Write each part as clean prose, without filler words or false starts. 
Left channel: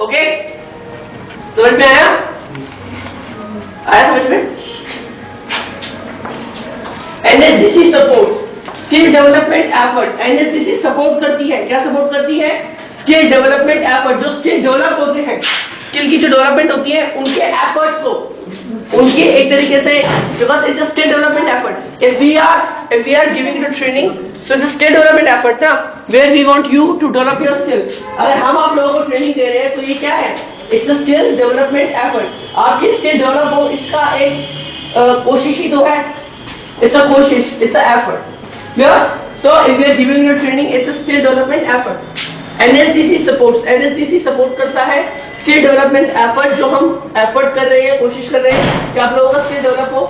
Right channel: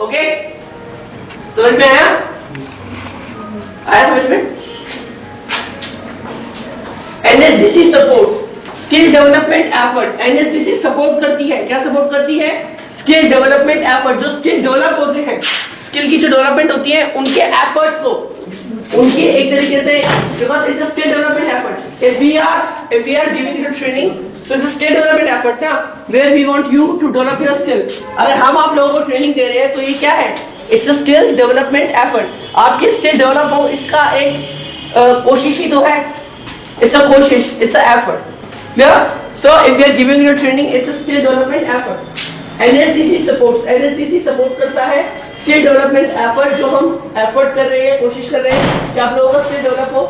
Okay, समझ में आया? समझ में? NSDC support skill development effort. NSDC support करती है, क्या सपोर्ट करती है? Skill development effort. जो स्किल डेवलप होते हैं, स्किल की जो डेवलपमेंट होती है, उनके एफर्ट्स को, उनकी एक तरीके से, because it's a skill development effort. If we are giving the training, so it's a skill development effort ना, where we want you to develop your skill। अगर हम आप लोगों को ट्रेनिंग दे रहे हैं तो ये क्या है? It's a skill development effort। आपकी स्किल डेवलप हो, इसका एक कोशिश ही तो है। It's a कोशिश, it's a effort। Yeah? So if we are giving you training, it's a skill development effort। NSDC supports, NSDC support करता है स्किल डेवलपमेंट एफर्ट। जो हम एफर्ट कर रहे हैं, कोशिश कर रहे हैं कि आप लोगों का स्किल डेवलप हो,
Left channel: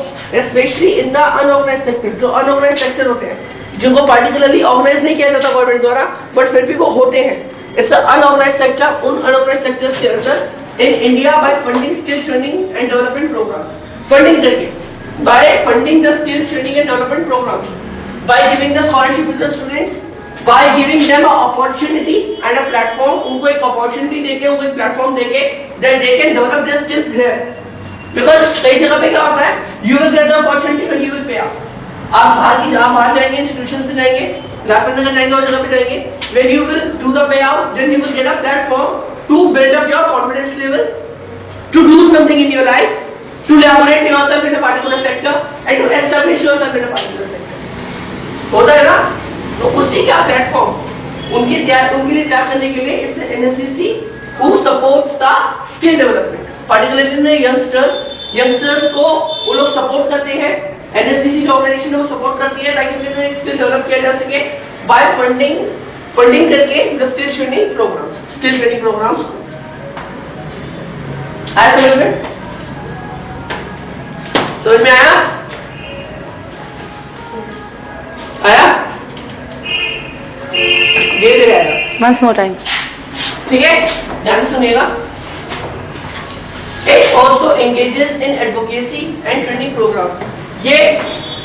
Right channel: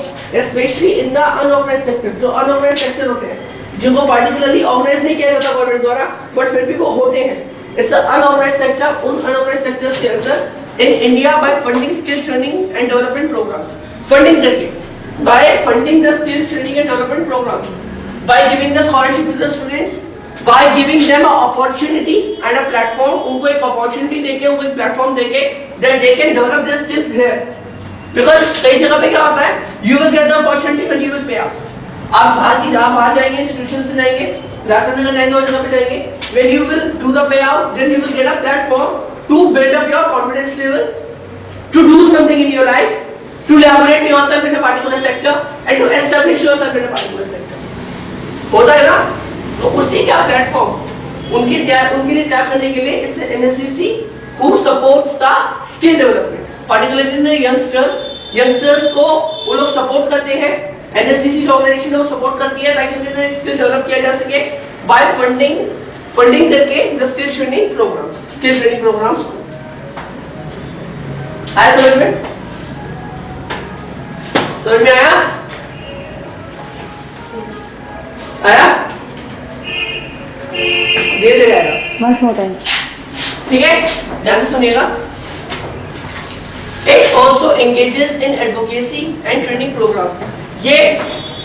specially in the unorganised sector. जो अनऑर्गेनाइज सेक्टर होते हैं, जिनको पार्टिकुलरली ऑर्गेनाइज नहीं किया जाता गवर्नमेंट द्वारा, बट फिर भी वो होते हैं, इट्स अनऑर्गेनाइज सेक्टर। उन अनऑर्गेनाइज सेक्टर्स के अंदर in India by funding skill training and development programme, funding करके, by funding the skill training and development programme, by giving the scholarship to the students, by giving them a opportunity and a platform. उनको एक opportunity देके, उनको एक platform देके, that they can develop their skills here. Because कई जगह पे क्या होता है, you will get the opportunity when you will pay out. आप बाहर जाएंगे, इंस्टीट्यूशंस में जाएंगे, राजनगर जाएंगे और जगह पे जाएंगे, when you will do the payout, then you will get a platform to build up your confidence level, to do something in your life, to elaborate yourself in a particular sector and to establish yourself in a particular sector। होता है ना? तो उसी का platform उनके लिए तैयार करने के लिए it's NSDC who supports the skill development, particularly youngsters को वो लोग सपोर्ट करते हैं। एनएसडीसी जो ऑर्गेनाइजेशन है वो सपोर्ट करती है ताकि उनके अंदर स्किल डेवलप किया जा सके बाय फंडिंग करके द स्किल ट्रेनिंग प्रोग्राम्स। आया समझ में? समझ में आया? धीरे आएगा। Once more time। ठीक है, ध्यान से सुनिएगा। It also engages in advocacy and training programs। ये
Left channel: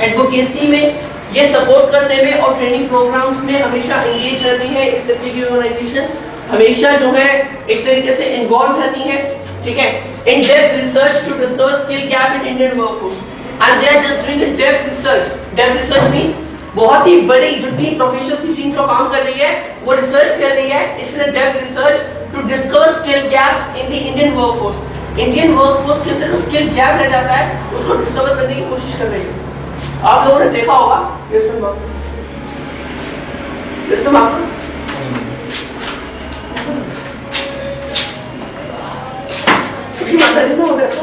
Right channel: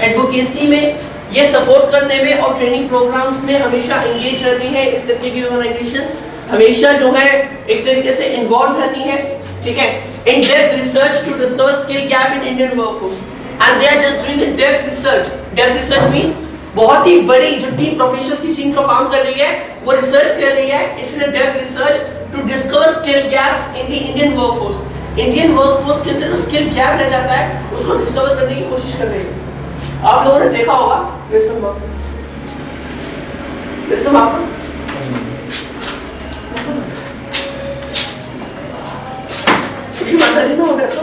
एडवोकेसी में, ये सपोर्ट करने में और ट्रेनिंग प्रोग्राम्स में हमेशा एंगेज रहती है। इस तरीके की ऑर्गेनाइजेशन हमेशा जो है एक तरीके से इन्वॉल्व रहती है। ठीक है, in depth research to discover skill gap in Indian workforce and they are just doing depth research. Depth research means बहुत ही बड़ी जो टीम प्रोफेशनल्स की टीम जो काम कर रही है वो रिसर्च कर रही है, इसलिए depth research to discover skill gap in the Indian workforce. Indian workforce के अंदर जो स्किल गैप रह जाता है उसको डिस्कवर करने की कोशिश कर रही है। आप लोगों ने देखा होगा सिस्टम आपको माता जी तो हो गया तो